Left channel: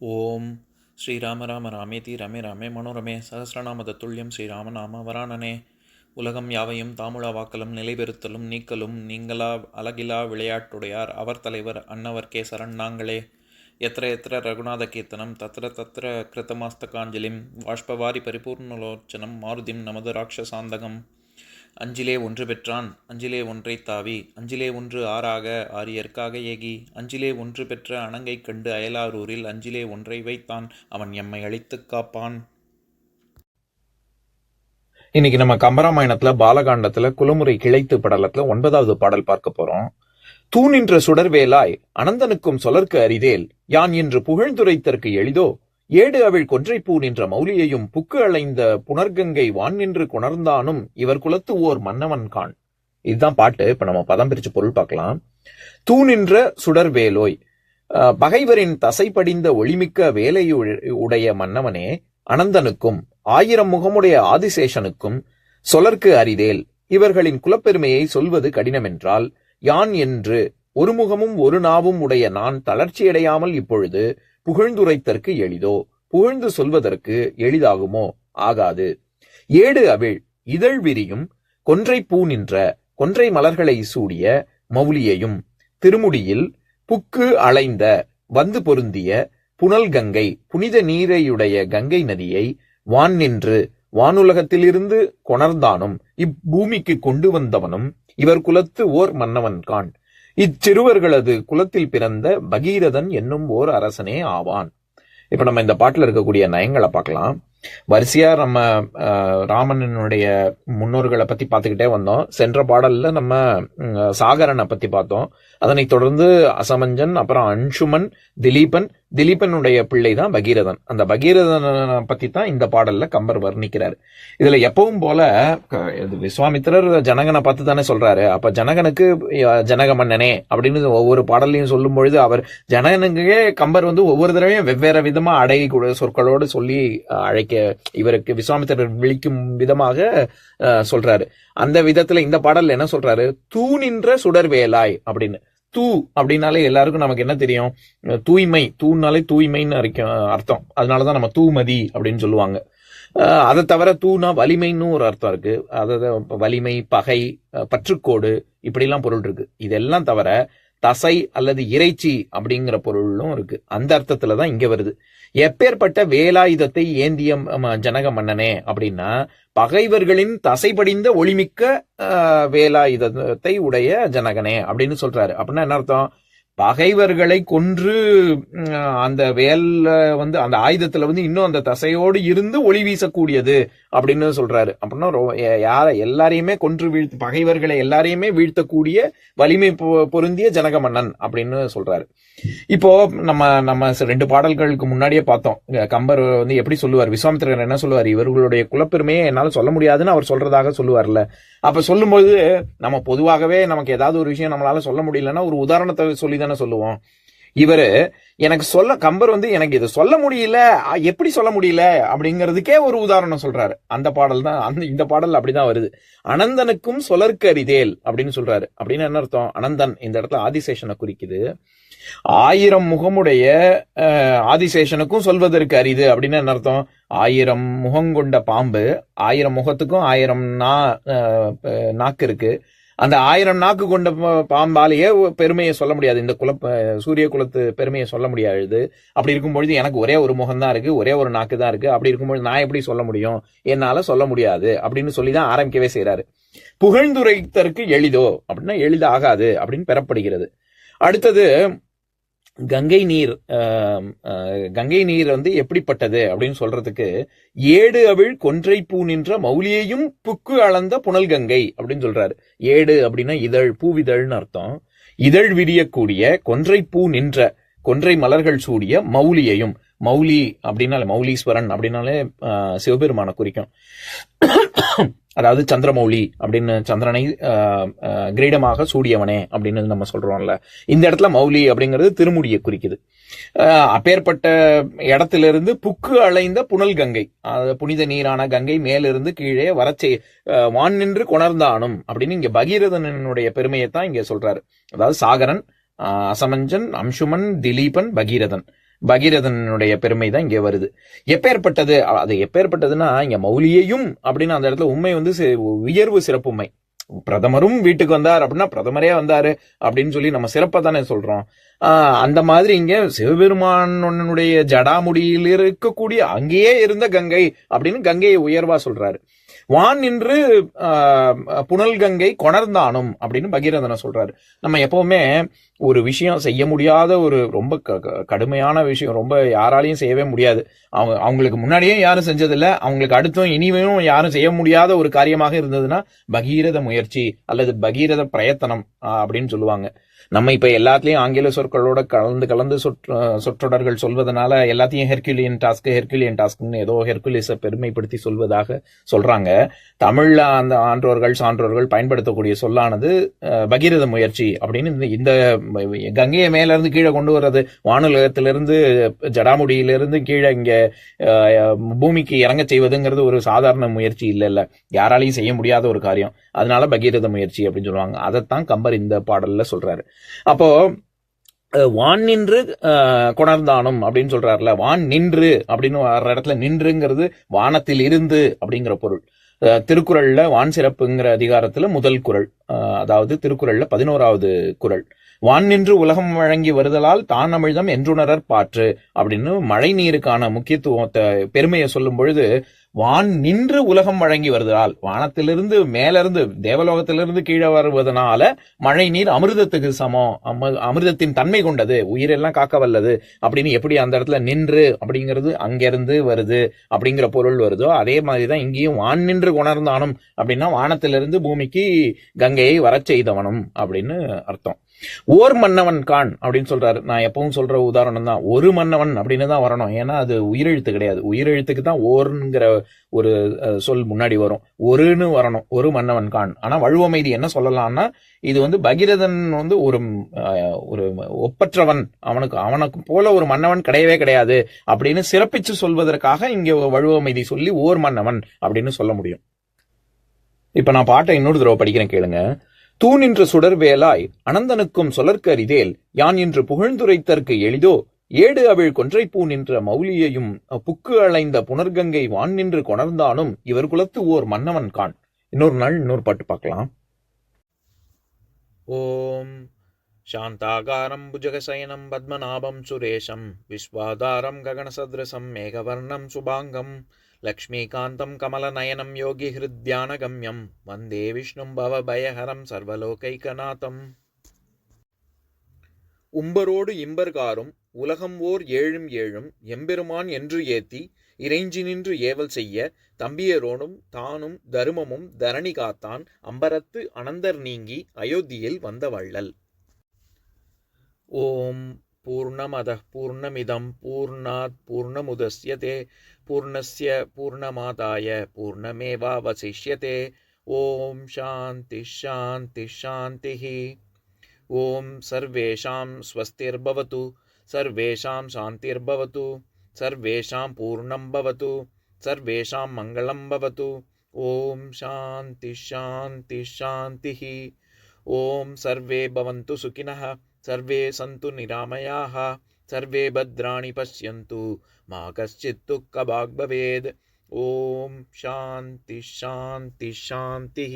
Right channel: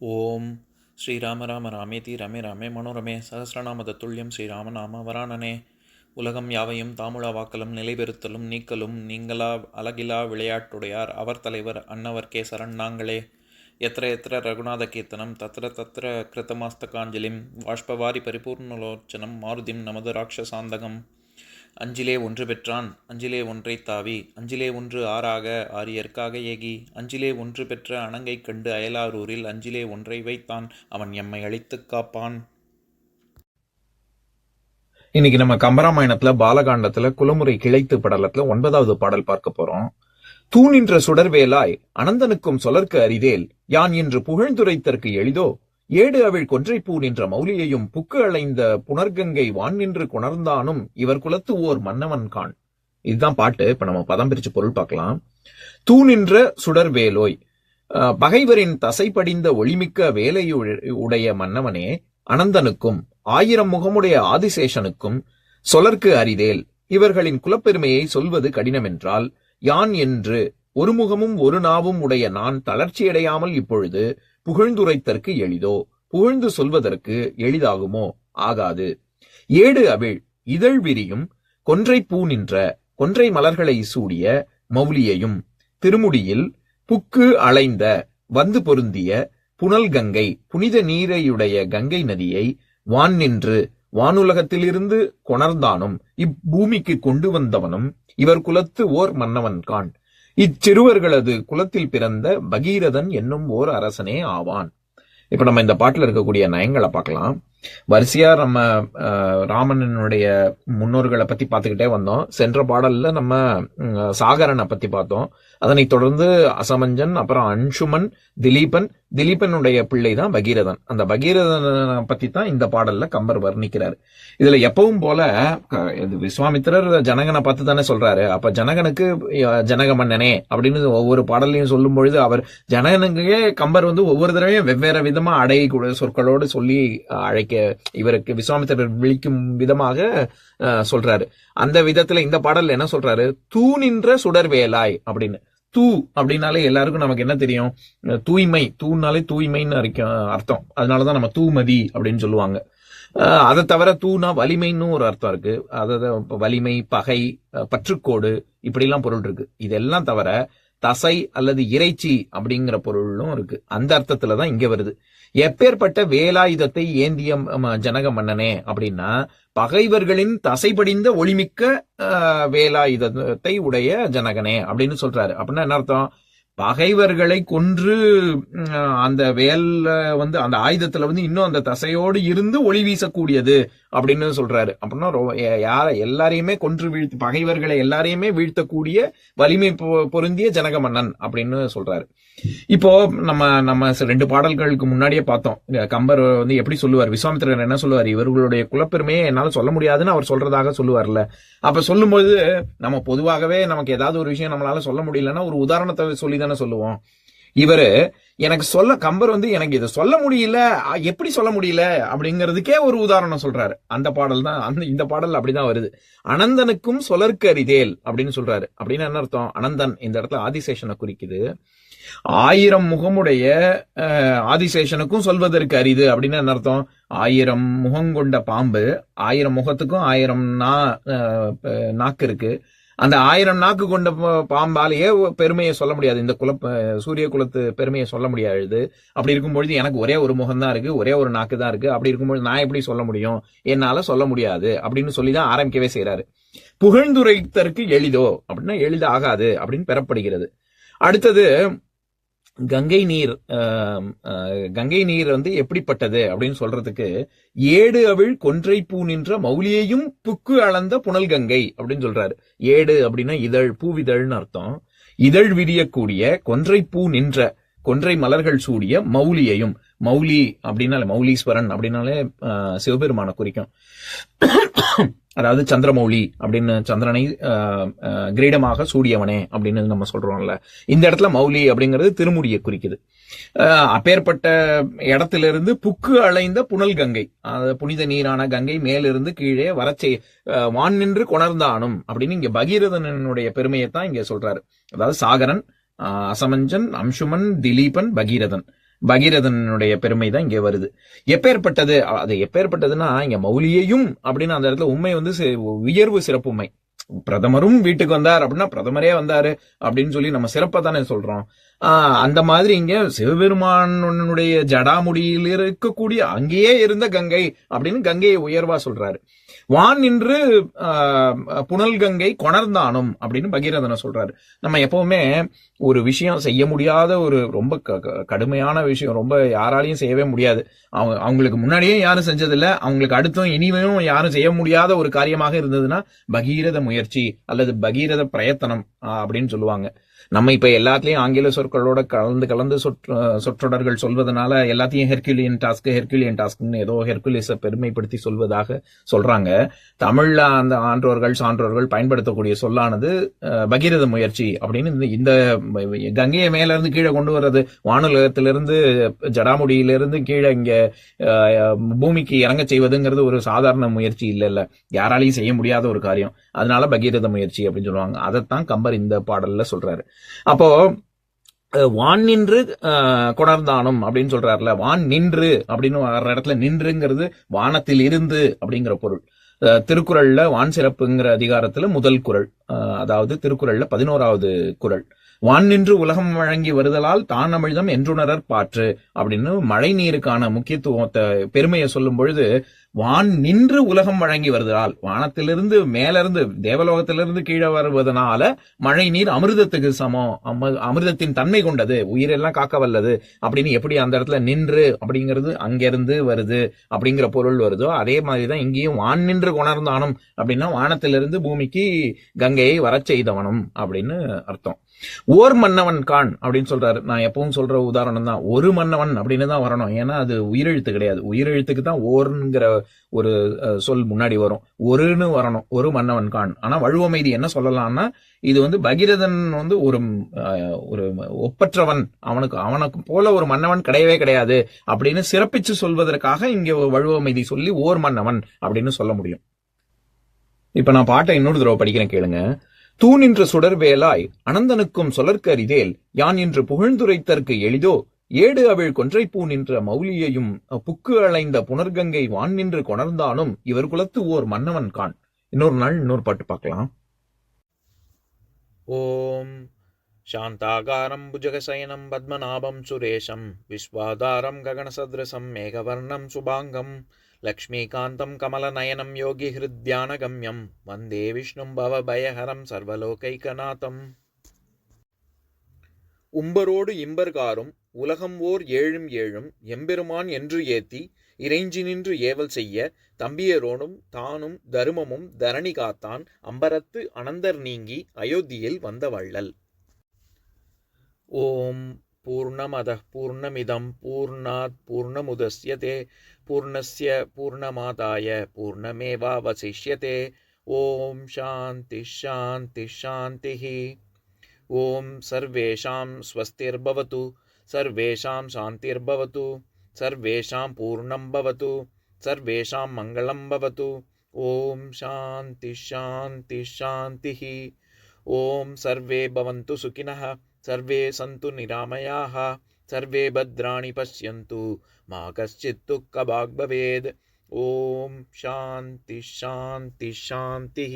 ஓம் ஸ்ரீராம ராம ராமேதி ரமே ராமே மனோரமே சகசிரநாம தத்துல்யம் ஸ்ரீராம நாம வராணனே. உலகம் யாவையும் தாமுழா வாக்கலும் நிலைபெறுத்தலும் நீக்கலும் நீங்களா அழகிலா விளையாட்டுடையார் அவர் தலைவர் அன்னவர் கேசரன் நாங்களே. எத்திர எத்திர ரகுநாத கீர்த்தனம் தத்திர தத்திர கிருத்தமாஸ்தகாஞ்சலிம் வாஷ்பவாரி பரிபூர்ணலோச்சனம் மாருதிம் நமது ராட்சசாந்தகம். அஞ்சிலே ஒன்று பெற்றான் அஞ்சிலே ஒன்றை தாவி அஞ்சிலே ஒன்று ஆறாக ஆரியர்க்காக ஏகி அஞ்சிலே ஒன்று பெற்ற அணங்கை கண்டு அயலாரூரில் அஞ்சிலே ஒன்றை வைத்தான் அவன் எம்மை அழித்துக் காப்பான். இன்னைக்கு நம்ம கம்பராமாயணத்துல பாலகாண்டத்துல குலமுறை கிளைத்து படலத்துல 9வது பாடல் பார்க்க போறோம். தூணின்ற சுடர்வேலாய் அனந்தனுக்கும் சொலர்க்கு அரிதேல் யான் என்று புகழ்ந்துரைத்தற்கு எளிதோ ஏடு அவிழ் கொன்றைப்பூ நின்ற மௌலியையும் புக்கு அலைந்த புனர்கங்கை வான் நின்று கொணர்ந்தானும் இவர் குலத்து ஓர் மன்னவன் கான். இதுதான் பாட்டு. இப்ப நம்ம பதம் பிரிச்சு பொருள் பார்க்கலாம். தூணின்ற சுடர்வேலோய், பகைவரின் தசை படிந்த ஒளிமிக்க வேலையுடைய மன்னவனே, அனந்தனுக்கும் 1000 முகமுடைய ஆதிசேஷனுக்கும் சொலர்க்கு அரிதேல், இவர்களின் குலப்பெருமையை சொல்வது கடினமென்றால் யான் என்று ஒரு முகமும் ஒரு நாவும் உடைய நான் தளர்ச்சியடையாமல் இப்பொழுது புகழ்ந்துரைத்தற்கு எளிதோ, புகழ்ந்து சொல்வதற்கு எளிதாகுமோ? ஆகாது. ஏடு அவிழ் இதழ் விரியும் கொன்றை பூ நின்ற கொன்றை மலர்களை சூடிய மௌலியையும் திருமுடியில் புக்கு அலைந்த வந்து பொருந்திய புனல் கங்கை புனித நீரையுடைய கங்கை நதியை வான் நின்று வானுலகத்திலிருந்து கொணர்ந்தானும் இப்பூமிக்கு கொண்டு வந்தவனும் இவர் குலத்து ஓர் மன்னவன் கான். இச்சிறுவர்களது குலத்தில் பிறந்த பகீரதன் என்னும் ஓர் அரசனே ஆவான். இப்ப நம்ம இந்த பாட்டுல இருக்கக்கூடிய நயங்களை பார்க்கலாம். வரிசையா நம்ம ராமனுடைய முன்னோர்களை பத்தி பார்த்துக்கிட்டே வந்தோம். சென்ற பாடல்ல நம்ம சாகரனை பத்தி பார்த்தோம். அதனைத் தொடர்ந்து அசமஞ்சன், அப்புறம் அன்சுமன், திலீபன், திலீபனுடைய பிள்ளை தான் பகீரதன். அந்த பகீரதனை பத்தி தான் இந்த பாடல்ல கம்பர் வர்ணிக்கிறார். இதுல எப்பவும் போல விஸ்வாமித்திரர் ஜனகனை பார்த்து தானே சொல்றாரு. அப்ப ஜனகனுக்கு ஜனக மன்னனே அப்படின்னு ஒவ்வொரு பாடல்லையும் சொல்லும் பொழுது அவர் ஜனகனுக்கே கம்பர் ஒவ்வொரு தடவையும் வெவ்வேறு விதமா அடை சொற்களோடு சொல்லி அழைக்க இவருக்கு விஸ்வாமித்திரர் விழிக்கும் விதமாக சொல்றாரு. அந்த விதத்துல இந்த பாடல் என்ன சொல்றாரு? தூ நின்ற சுடர்வேலாய் அப்படின்னு. தூ அப்படின்னாலே எல்லாருக்கும் நமக்கு என்ன தெரியும்? தூய்மை. தூனாலே தூய்மைன்னு அர்த்தம். அதனாலதான் நம்ம தூமதி அப்படின்னு சொல்லுவாங்க. அதை தவிர தூனா வலிமைன்னு ஒரு அர்த்தம் இருக்கு. அதாவது வலிமை, பகை, பற்றுக்கோடு, இப்படிலாம் பொருள் இருக்கு. இதெல்லாம் தவிர தசை அல்லது இறைச்சி அப்படிங்கிற பொருளும் இருக்கு. அந்த அர்த்தத்துலதான் இங்க வருது. எப்பேற்பட்ட வேலாயுதத்தை ஏந்திய ஜனக மன்னனே அப்படின்னா, பகைவர்களின் தசைபடிந்த ஒளிமிக்க வேலாயுதத்தை உடைய ஜனகனே அப்படின்னு சொல்றாரு. அப்படின்னா என்ன அர்த்தம்? பகைவர்களை கொன்று அந்த வேல்ல அந்த ஆயுதத்துல இன்னும் அந்த தசையோடு இருந்து ஒளி வீசக்கூடியது அப்படின்னு சொல்றாரு. அப்படின்னா எல்லாரையுமே கொன்று வீழ்த்து, பகைவர்களை எல்லாரையுமே வீழ்த்தக்கூடிய வலிமை பொருந்திய ஜனக மன்னன் அப்படின்னு சொல்றாரு. இப்போ நம்ம 2 பாடல்களுக்கு முன்னாடியே பார்த்தோம். கம்பர் எப்படி சொல்லுவார்? விஸ்வாமித்திரர் என்ன சொல்லுவார்? இவர்களுடைய குலப்பெருமையை என்னால சொல்ல முடியாதுன்னு அவர் சொல்றதாக சொல்லுவார்ல. அப்ப சொல்லும்போது நம்ம பொதுவாகவே நமக்கு ஏதாவது ஒரு விஷயம் நம்மளால சொல்ல முடியலன்னா ஒரு உதாரணத்தை சொல்லி தானே சொல்லுவோம். இவரு எனக்கு கம்பர் எனக்கு இதை சொல்ல முடியல, எப்படி சொல்ல முடியல அப்படிங்கிறதுக்கே ஒரு உதாரணம் சொல்றாரு. அந்த பாடல் தான் இந்த பாடல் அப்படிதான் வருது. அனந்தனுக்கும் சொலர்க்கு அரிதேல் அப்படின்னு சொல்றாரு. அப்படின்னு என்ன அர்த்தம்? அனந்தன் இந்த இடத்துல ஆதிசேஷனை குறிக்குது. 1000 முகமுடைய ஆதிசேஷனுக்கும் சொல்வதற்கு அரிது அப்படின்னு என்ன அர்த்தம்? 1000 முகம் கொண்ட பாம்பு, 1000 முகத்துக்கும் 1000 நாக்கு இருக்கு. அந்த 1000 நாக்கு கொண்ட பாம்பாலேயே பெருமையை சொல்ல முடியாது. இந்த சூரிய குலத்து பெருமையை சொல்ல முடியாது. அப்படி இருக்கும்பொழுது எனக்கு ஒரே ஒரு முகம் தான் இருக்கு, ஒரே ஒரு நாக்கு தான் இருக்கு. அப்படி இருக்கும்பொழுது நான் எப்படி சொல்ல முடியும்? என்னால சொல்ல முடியாது அப்படின்னு சொல்லிதான் ஆரம்பிக்கவே செய்யறாரு. புகழ்ந்துரைத்தற்கு எளிதோ அப்படின்னா எளிதாகாது அப்படின்னு பெறப்படுகிறது. அடுத்தது கங்கை நீர். கங்கை நீர் எப்படிப்பட்டது அப்படின்னு சொல்றதுக்கு ஏடு அவிழ் கொன்றை பூ நின்ற மௌலியையும் புக்கு அளந்த புனல் கங்கை அப்படின்னு சொல்றாரு. ஏடு அப்படின்னா இதழ், பூவிதழ்னு அர்த்தம். இதழ் விரியக்கூடிய கொன்றை பூ நின்ற கொன்றை மலர்கள் சூடிய மௌலியையும், மௌலி அப்படின்னாலே மௌலீஸ்வரன் அப்படின்னாலே சிவபெருமான குறிக்கும். அதாவது சந்திரமௌலி அப்படின்னு, சந்திரனை கிரீடமாக சூடியவனே அப்படின்னு நம்ம சொல்றோம்ல. இந்த இடத்துல மௌலி அப்படிங்கிறது திருமுடியை குறிக்குது. அப்பேற்பட்ட இடத்திலிருந்து புக்கு அலைந்த புனல் கங்கை, புனித நீரான கங்கை மேலிருந்து கீழே வரச்சே வான் நின்று கொணர்ந்தானும் அப்படின்னு இங்க பகீரதனுடைய பெருமையை தான் இங்க சொல்றாரு. அதாவது சாகரன், அசமஞ்சன், அம்சுமன், திலீபன், பகீரதன் பகீரதனுடைய பெருமை தான் இங்கே வருது. எப்பேற்பட்டது, அது எப்பேற்பட்டதுன்னா இங்க மௌலியையும் அப்படின்னு அந்த இடத்துல உண்மை வந்து உயர்வு சிறப்புமை. பிரதமரும் வீட்டுக்கு வந்தார் அப்படின்னா பிரதமரே வந்தாரு அப்படின்னு சொல்லி நம்ம சிறப்பா தானே சொல்றோம். அந்த மாதிரி இங்க சிவபெருமானுடைய ஜடாமுடியில் இருக்கக்கூடிய அங்கேயே இருந்த கங்கை அப்படின்னு கங்கையை உயர்வா சொல்றாரு. வான் நின்று புனல் கங்கை கொணர்ந்தானும் அப்படின்னு பகீரதனை சொல்றாரு. நம்ம எப்பவுமே ஒரு விஷயம் செய்ய முடியாத ஒரு ரொம்ப கடுமையான விஷயம், ரொம்ப யாராலையும் செய்யவே முடியாது, அவங்களுக்கு முன்னாடியே யாரும் செஞ்சதில்லை, அவங்களுக்கு அடுத்தும் இனிமையும் யாரும் செய்ய முடியாத ஒரு காரியமாக இருந்ததுன்னா பகீரத முயற்சி அல்லது பகீரத பிரயத்தனம் அப்படின்னு சொல்லுவாங்க. நம்ம இப்ப எல்லாத்துலயும் ஆங்கில சொற்களோட கலந்து சொற்றொடர்கள் சொல்வதனால எல்லாத்தையும் ஹெர்குலியன் டாஸ்க்னு ஏதோ ஹெர்குலிஸை பெருமைப்படுத்தி சொல்வதாக சொல்றாங்க. தமிழ்ல அந்த ஆன்றோர்கள் சான்றோர்கள் பயன்படுத்தக்கூடிய சொல்லானது பகீரத முயற்சி அப்படின்னு. இந்த கங்கையை மேல இருந்து கீழே கொண்டு வர்றது, வானுலகத்திலிருந்து ஜடாமுடியிலிருந்து கீழே இங்க பூமிக்கு இறங்க செய்வதுங்கிறது ஒரு சாதாரண முயற்சி இல்ல, யாராலையும் செய்ய முடியாத ஒரு காரியம். அதனால பகீரத முயற்சி அப்படின்னு சொல்லுவாங்க. அதைத்தான் கம்பர் இந்த பாடல்ல சொல்றாரு. அப்போ வான் நின்று கொணர்ந்தானும் அப்படின்னு சொல்றாருல, வான் நின்று அப்படின்னு வர்ற இடத்துல நின்றுங்கிறது வானத்தில் இருந்து அப்படிங்கிற பொருள். திருக்குறள்ல வான் சிறப்புங்கிற அதிகாரத்துல முதல் குறள், அதாவது திருக்குறள்ல 11வது குறள், வான் நின்று உலகம் வழங்கி வருதலால் தான் அமிழ்தம் என்றுணரற் பாற்று அப்படின்னு மழை நீருக்கான முக்கியத்துவத்தை பெருமையை சொல்லும் பொழுது, வான் நின்று உலகம் வழங்கி வருதலால், வானத்திலிருந்து மேலிருந்து தேவலோகத்திலிருந்து கீழே வருவதனால மழை நீர் அமிர்தத்துக்கு சமம், அமிர்தத்தின் தன்மை கொண்டது, உயிரெல்லாம் காக்க வல்லது அப்படின்னு எப்படி அந்த இடத்துல நின்று அப்படிங்கிறது அங்கிருந்து வருது அப்படிங்கிற பொருள் வருதோ, அதே மாதிரிதான் இங்கேயும் வான் நின்று கொணர்ந்தானும் அப்படின்னா வானத்திலிருந்து பூமிக்கு கங்கையை வரச் செய்தவனும் அப்படின்னு அர்த்தம். ஓர் மன்னவன் கான் அப்படின்னு சொல்றாரு. நான் எப்பவும் சொல்ற உதாரணம் தான், ஒரு மன்னவன் அப்படின்னு தான் வரணும். ஏன்னா அது உயிரெழுத்து கிடையாது. உயிரெழுத்துக்கு தான் ஓர்ங்கிற ஒரு சொல் முன்னாடி வரும், ஒருன்னு வரணும், ஒரு மன்னவன் கான். ஆனா வழுவமைதி என்ன சொல்லலாம்னா, இது வந்து பகீரதன் வந்து ஒரு ஒப்பற்றவன், அவனுக்கு போல ஒரு மன்னவன் கிடையவே கிடையாது அப்படின்னு சிறப்பிச்சு சொல்வதற்காக இங்க வழுவமைதி சொல்லி ஓர் மன்னவன் அப்படின்னு சொல்ல முடியும். இப்ப நான் பாட்டை இன்னொரு தடவை படிக்கிறேன், கேளுங்க. தூணின்ற சுடர் வேலாய் அனந்தனுக்கும் சொலர்க்கு அரிதேல் யான் என்று புகழ்ந்துரைத்தற்கு எளிதோ ஏடு அவிழ் கொன்றை பூ நின்ற மௌலியையும் புக்கு அலைந்த புனர்கங்கை வான் நின்று கொணர்ந்தானும் இவர் குலத்து ஓர் மன்னவன் கான். இன்னொரு நாள் இன்னொரு பாட்டு பார்க்கலாம். ஓம் சாந்தாகாரம் புஜகசயனம் பத்மநாபம் சுரேஷம் விஸ்வாதாரம் ககனசத்ரசம் மேகவர்ணம் சுபாங்கம் லக்ஷ்மீகாந்தம் கமலநயனம் யோகி ஹிருத்யானகம்யம் வந்தே விஷ்ணும் பவபயஹரம் சர்வலோகைகநாதம். உம்பரோடு இம்பர்காரும் உலகம் ஓர் ஏழும் ஏழும் எம்பெருமான் என்று ஏத்தி இறைஞ்சி நின்று ஏவல் செய்ய தம்பியரோனும் தானும் தருமமும் தரணி காத்தான் அம்பரத்து அனந்தர் நீங்கி அயோத்தியில் வந்த வள்ளல். ஓம் பூர்ணமதః பூர்ணமிதம் பூர்ணாத் பூர்ணமுதஸ்யதே பூர்ணஸ்ய பூர்ணமாதாய பூர்ணமேவாவசிஷ்யதே. ஓம் சாந்தி சாந்தி சாந்திः. ஓம் சர்வேஷாம் ஸ்வஸ்திர்பவது சர்வேஷாம் சாந்திர்பவது சர்வேஷாம் பூர்ணம் பவது சர்வேஷாம் மங்களம் பவது. ஓம் சாந்தி சாந்தி சாந்திः. ஓம் சர்வே பவந்து சுகினः सर्वे सन्तु निरामयाः सर्वे भद्राणि पश्यन्तु मा कश्चित् दुःखभाग् भवेत्. ओम शांति शांति शांति.